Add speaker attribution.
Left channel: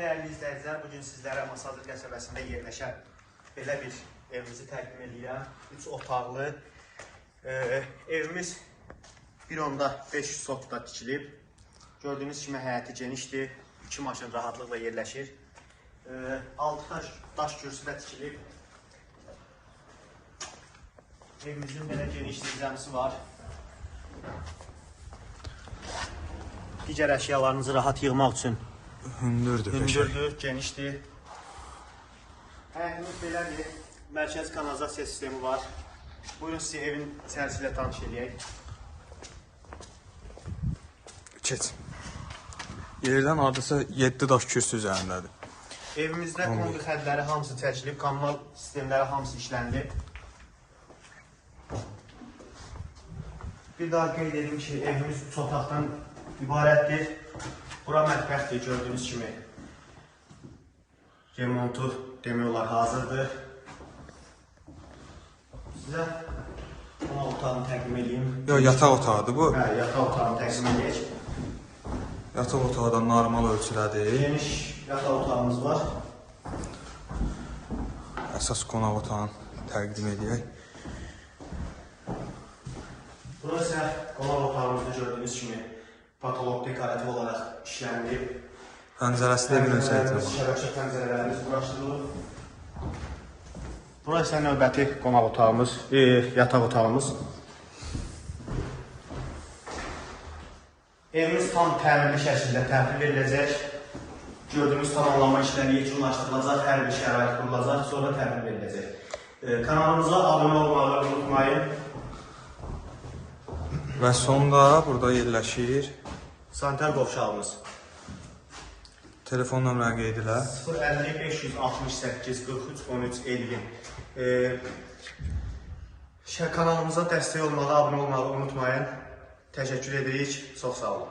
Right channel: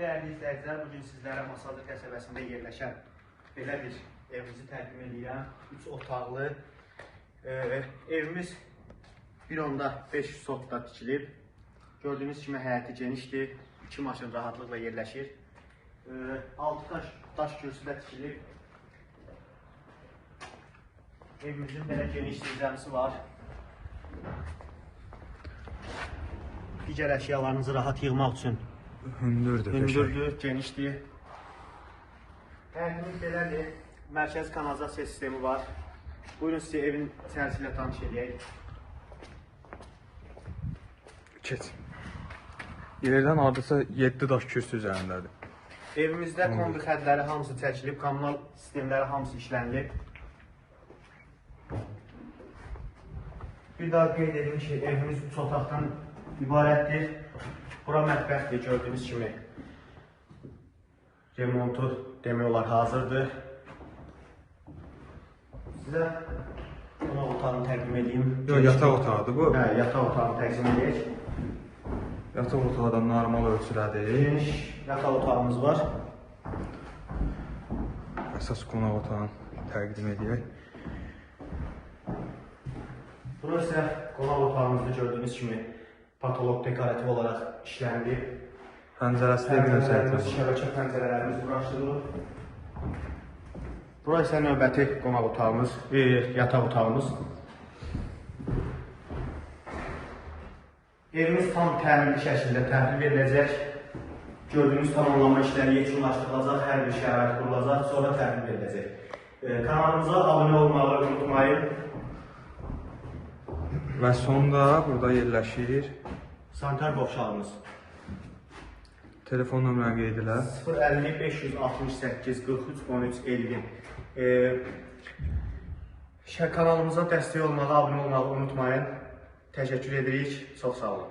Speaker 1: dəyərli izləyicilər, bu gün sizlərə Masazır qəsəbəsində yerləşən belə bir evimizi təqdim edirəm. 3 otaqlı e, evimiz 1.5 sotda tikilib. Gördüyünüz kimi həyəti genişdir. 2 maşın rahatlıqla yerləşir. E, 6 daş, daş kürsüdə tikilib. Evimizin belə geniş dizləmisi var. Digər əşyalarınızı rahat yığmaq üçün
Speaker 2: Hündürdür.
Speaker 1: Hündürdür, genişdir. Həyətimiz belədir. Mərkəzi kanalizasiya sistemi var. Buyurun sizə evin içərisi ilə tanış edək.
Speaker 2: Keç. Yerdən hardasa 7 daş kürsü üzərindədir.
Speaker 1: Evimizdə kombi xətləri hamısı çəkilib, kommunal sistemləri hamısı işlənilib. Bir daha qeyd edim ki, evimiz 3 otaqdan ibarətdir. Bura mətbəxdir, gördüyünüz kimi. Remontu demək olar hazırdır. Sizə qonaq otağını təqdim edeyim.
Speaker 2: Yo, yataq otağıdır bu.
Speaker 1: Hə, yataq otağını təqdim edək.
Speaker 2: Yataq otağı da normal ölçülədir.
Speaker 1: Geniş yataq otağımız var.
Speaker 2: Əsas qonaq otağını təqdim edək.
Speaker 1: Burada sizə qonaq otağımızda gördüyünüz kimi patolog dekorativ olaraq işlənilib.
Speaker 2: Pəncərəsi də özəyitinə bax.
Speaker 1: Şəbəkə pəncərələrimiz quraşdırılıb. Burası isə növbəti qonaq otağımız, e, yataq otağımız. Evimiz tam təmirli şəkildə təhvil veriləcək. Gördüyünüz tamamlanma işləri yekunlaşdırılacaq, hər bir şərait qurulacaq, sonra təhvil veriləcək. E, kanalımıza abunə olmağı unutmayın.
Speaker 2: Və sonda burada yerləşir.
Speaker 1: Sanitar qovşağımız.
Speaker 2: Telefon nömrəni qeyd elə.
Speaker 1: 050 568 43 13 50. Ee, şə- kanalımıza dəstək olmağı, abunə olmağı unutmayın. Təşəkkür edirik. Çox sağ olun.